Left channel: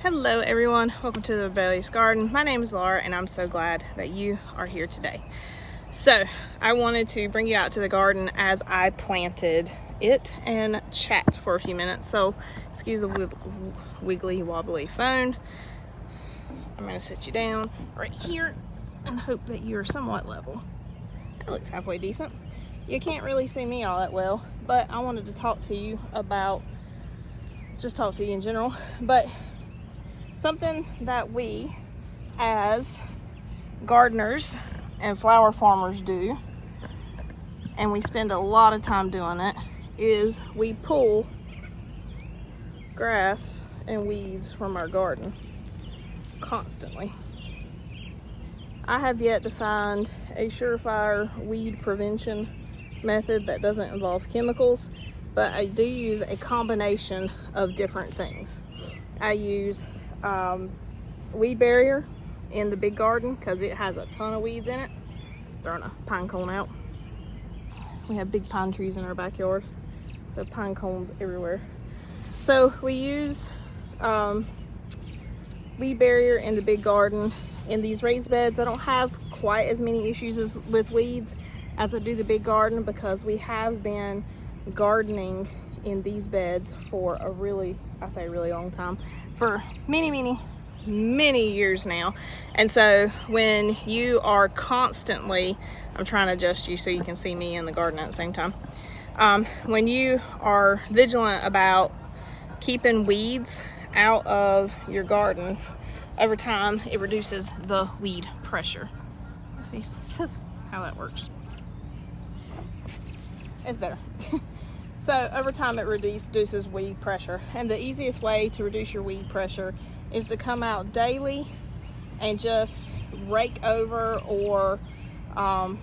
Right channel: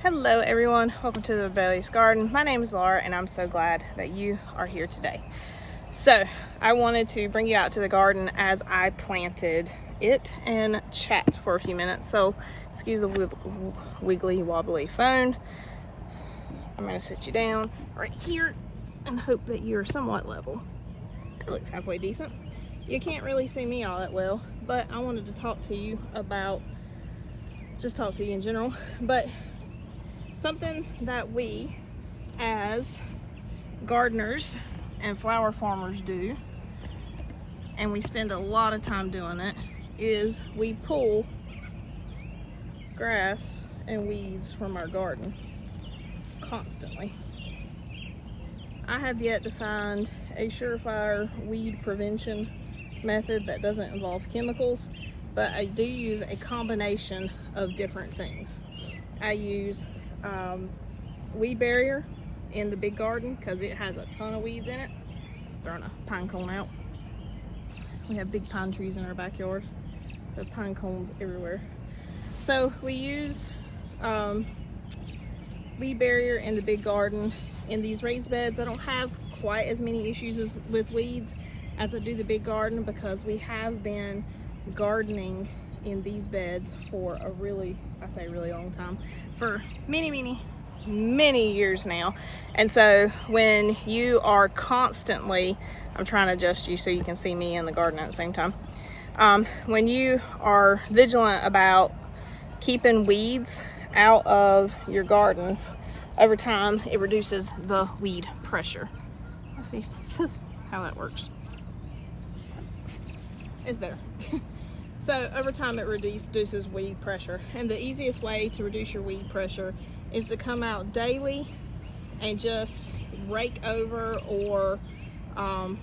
Hello everyone, welcome to the Rebellious Garden. My name is Laura and I'm so glad that you are here today. So I wanted to bring you out to the garden as I planted it and chat for a few minutes. So excuse the wiggly wobbly phone. I'm going to sit you down right here and hope that you're somewhat level. It looks halfway decent. You can't really see me all that well, but I wanted to talk to you about, just talk to you in general, but something that we as gardeners and flower farmers do, and we spend a lot of time doing it, is we pull grass and weeds from our garden constantly. I have yet to find a surefire weed prevention method that doesn't involve chemicals, but I do use a combination of different things. I use weed barrier in the big garden because it has a ton of weeds in it. Throwing a pine cone out. We have big pine trees in our backyard. There are pine cones everywhere. So we use weed barrier in the big garden. In these raised beds, I don't have quite as many issues with weeds as I do the big garden because we have been gardening in these beds for a really long time, for many years now. And so when you are constantly, I'm trying to adjust you so you can see me in the garden at the same time. When you are vigilant about keeping weeds out of your garden, over time it reduces the weed pressure. Let's see how that works. It's better. So over time it reduces weed pressure, and the easiest way to reduce your weed pressure is to come out daily and just rake over or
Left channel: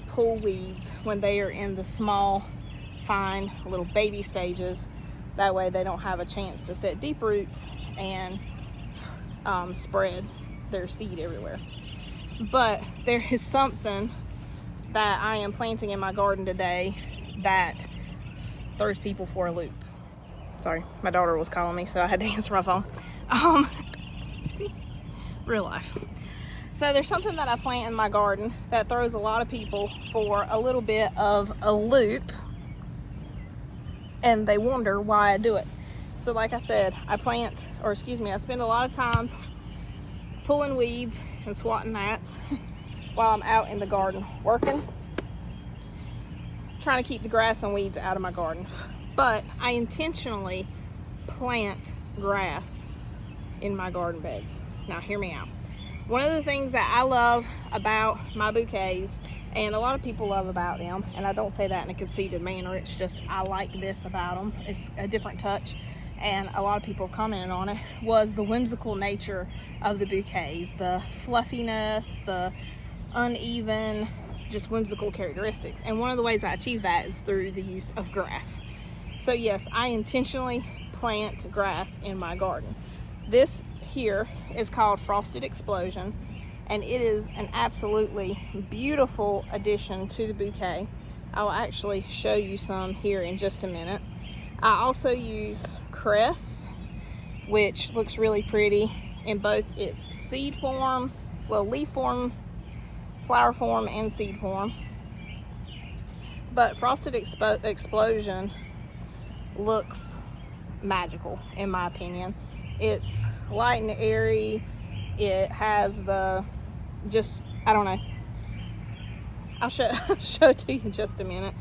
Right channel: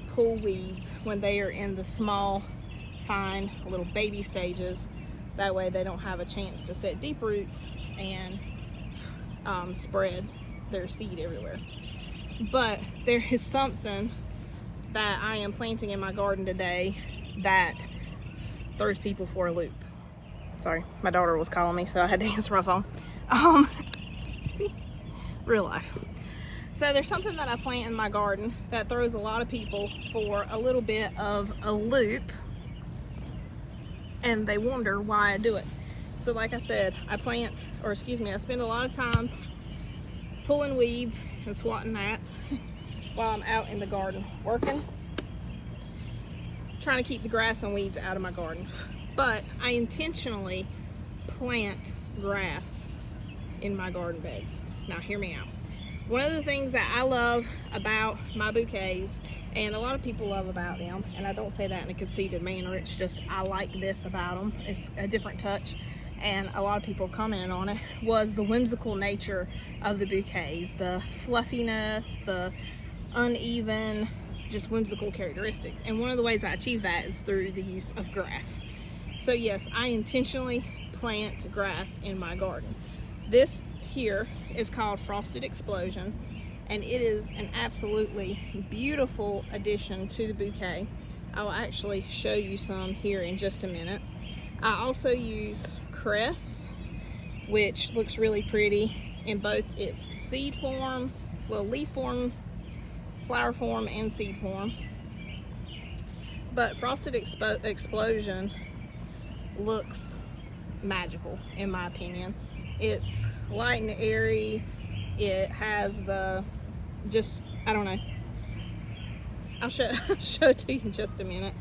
pull weeds when they are in the small, fine little baby stages. That way they don't have a chance to set deep roots and spread their seed everywhere. But there is something that I am planting in my garden today that throws people for a loop. Sorry, my daughter was calling me, so I had to answer my phone. Real life. So there's something that I plant in my garden that throws a lot of people for a little bit of a loop, and they wonder why I do it. So like I said, I spend a lot of time pulling weeds and swatting gnats while I'm out in the garden working, trying to keep the grass and weeds out of my garden. But I intentionally plant grass in my garden beds. Now hear me out. One of the things that I love about my bouquets, and a lot of people love about them, and I don't say that in a conceited manner, it's just I like this about them, it's a different touch, and a lot of people commented on it, was the whimsical nature of the bouquets, the fluffiness, the uneven, just whimsical characteristics. And one of the ways I achieve that is through the use of grass. So yes, I intentionally plant grass in my garden. This here is called Frosted Explosion, and it is an absolutely beautiful addition to the bouquet. I will actually show you some here in just a minute. I also use cress, which looks really pretty in both its seed form, leaf form, flower form, and seed form. But Frosted Explosion looks magical in my opinion. It's light and airy. It has I don't know. I'll show it to you in just a minute.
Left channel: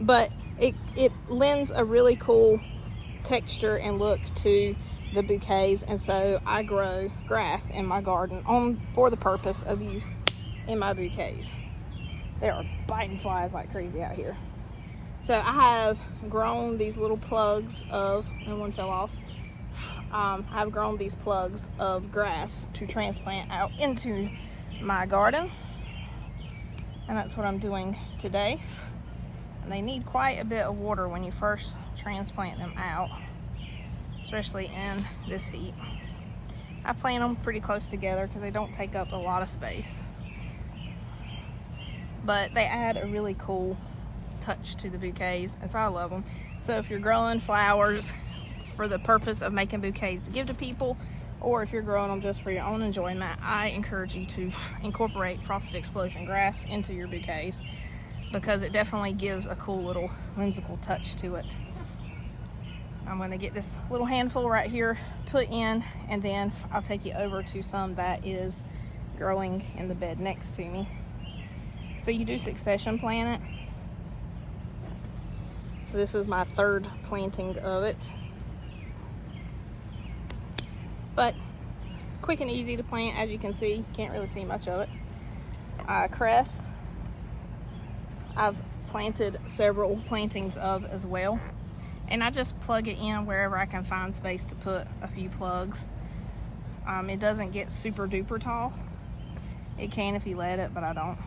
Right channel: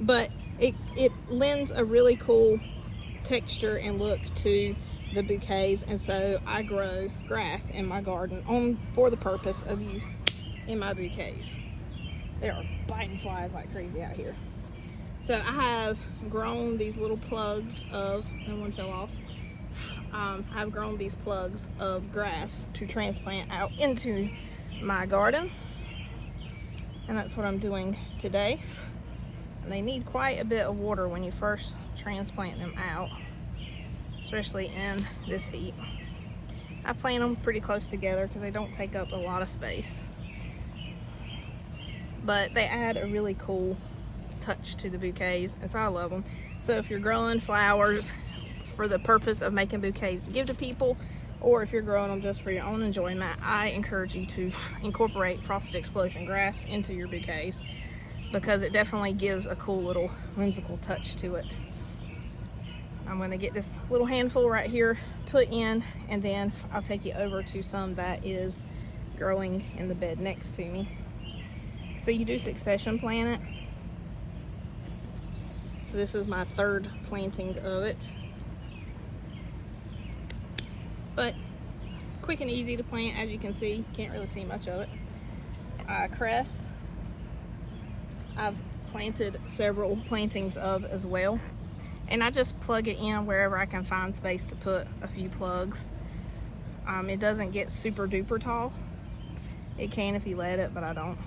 But it lends a really cool texture and look to the bouquets, and so I grow grass in my garden for the purpose of use in my bouquets. There are biting flies like crazy out here. So I have grown these little plugs and one fell off. I've grown these plugs of grass to transplant out into my garden, and that's what I'm doing today. And they need quite a bit of water when you first transplant them out, especially in this heat. I plant them pretty close together because they don't take up a lot of space, but they add a really cool touch to the bouquets, and so I love them. So if you're growing flowers for the purpose of making bouquets to give to people, or if you're growing them just for your own enjoyment, I encourage you to incorporate Frosted Explosion grass into your bouquets, because it definitely gives a cool little whimsical touch to it. I'm going to get this little handful right here put in, and then I'll take you over to some that is growing in the bed next to me. So you do succession plant it. So this is my third planting of it. But it's quick and easy to plant, as you can see. Can't really see much of it. Cress, I've planted several plantings of as well. And I just plug it in wherever I can find space to put a few plugs. It doesn't get super duper tall. It can if you let it, but I don't.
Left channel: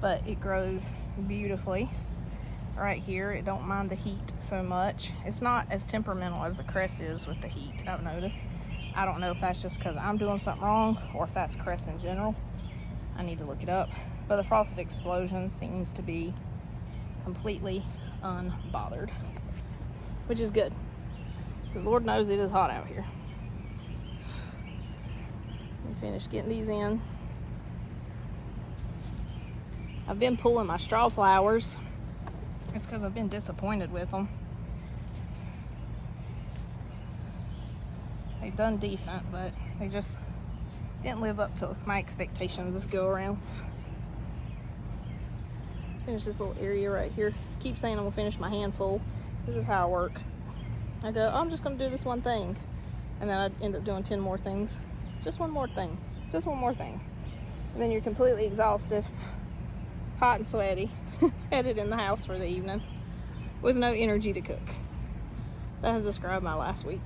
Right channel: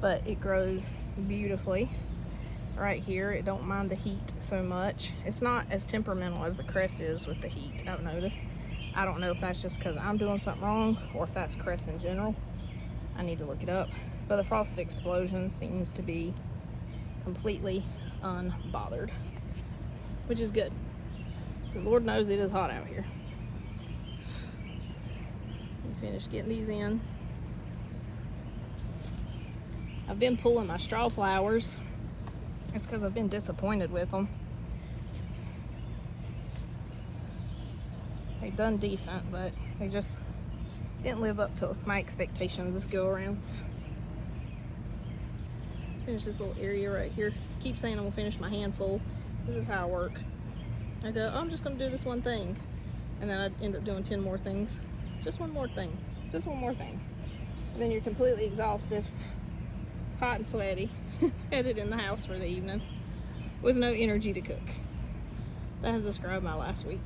But it grows beautifully right here. It don't mind the heat so much. It's not as temperamental as the cress is with the heat, I've noticed. I don't know if that's just because I'm doing something wrong or if that's cress in general. I need to look it up. But the Frosted Explosion seems to be completely unbothered, which is good, because Lord knows it is hot out here. Finish getting these in. I've been pulling my straw flowers. It's because I've been disappointed with them. They've done decent, but they just didn't live up to my expectations this go around. Finish this little area right here. Keep saying I'm gonna finish my handful. This is how I work. I go, oh, I'm just gonna do this one thing, and then I end up doing 10 more things. Just one more thing. Just one more thing. And then you're completely exhausted, hot and sweaty, headed in the house for the evening with no energy to cook. That has described my last week.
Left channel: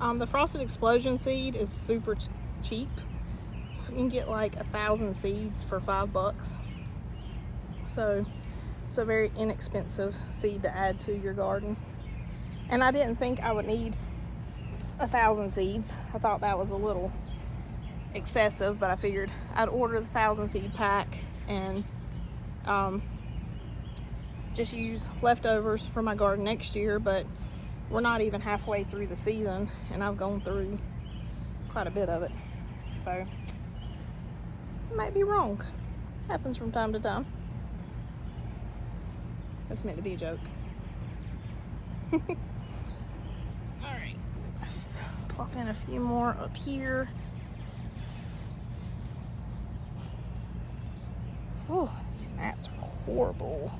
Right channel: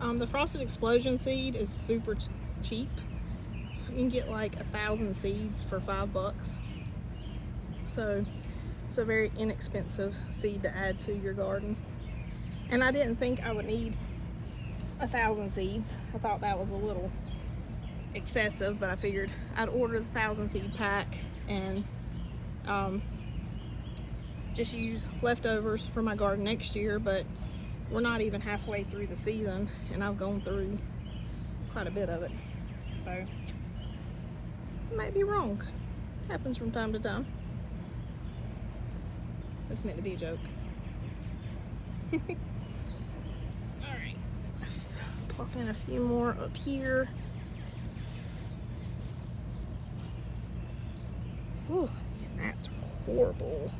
The Frosted Explosion seed is super cheap. You can get like 1,000 seeds for $5. So it's a very inexpensive seed to add to your garden. And I didn't think I would need 1,000 seeds. I thought that was a little excessive, but I figured I'd order the 1,000 seed pack and just use leftovers for my garden next year. But we're not even halfway through the season, and I've gone through quite a bit of it. So I might be wrong. Happens from time to time. That's meant to be a joke. Alright, plop in a few more up here. Oh, that's horrible.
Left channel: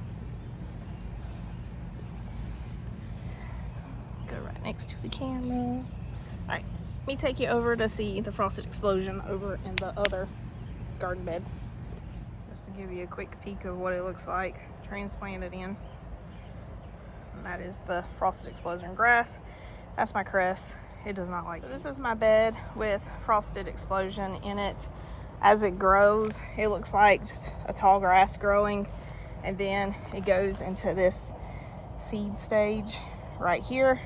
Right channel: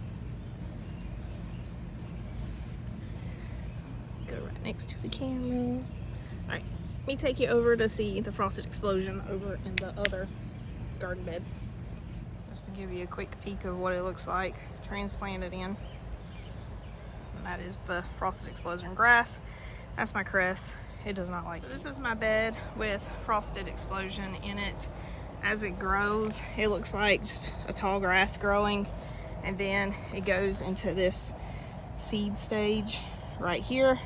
Go right next to the camera. Alright, let me take you over to see the Frosted Explosion over in the other garden bed. Just to give you a quick peek of what it looks like transplanted in. And that is the Frosted Explosion grass. That's my cress. It does not like it. So this is my bed with Frosted Explosion in it. As it grows, it looks like just a tall grass growing, and then it goes into this seed stage right here,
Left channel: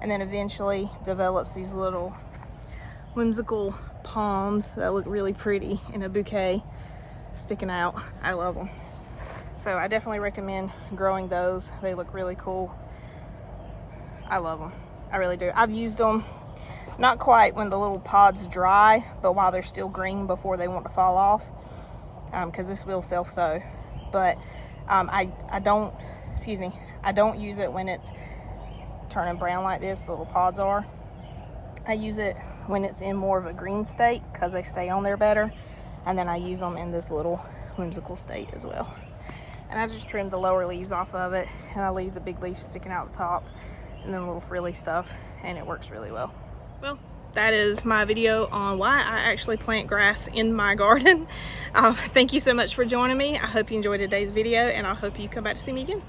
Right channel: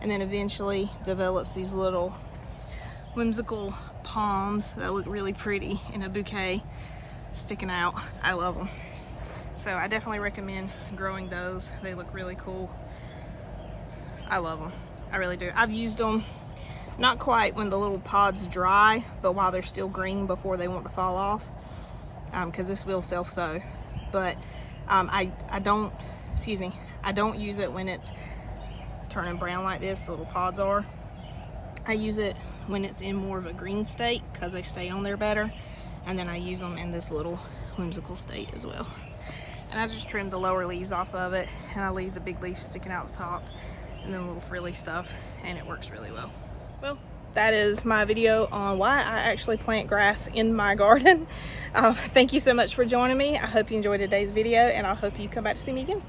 and then eventually develops these little whimsical palms that look really pretty in a bouquet sticking out. I love them. So I definitely recommend growing those. They look really cool. I love them. I really do. I've used them not quite when the little pods dry, but while they're still green before they want to fall off, because this will self-sow. But I don't use it when it's turning brown like this, the little pods are. I use it when it's in more of a green state because they stay on there better, and then I use them in this little whimsical state as well. And I just trim the lower leaves off of it, and I leave the big leaves sticking out the top and then the little frilly stuff, and it works really well. Well, that is my video on why I actually plant grass in my garden. Thank you so much for joining me. I hope you enjoyed today's video, and I hope you come back to see me again.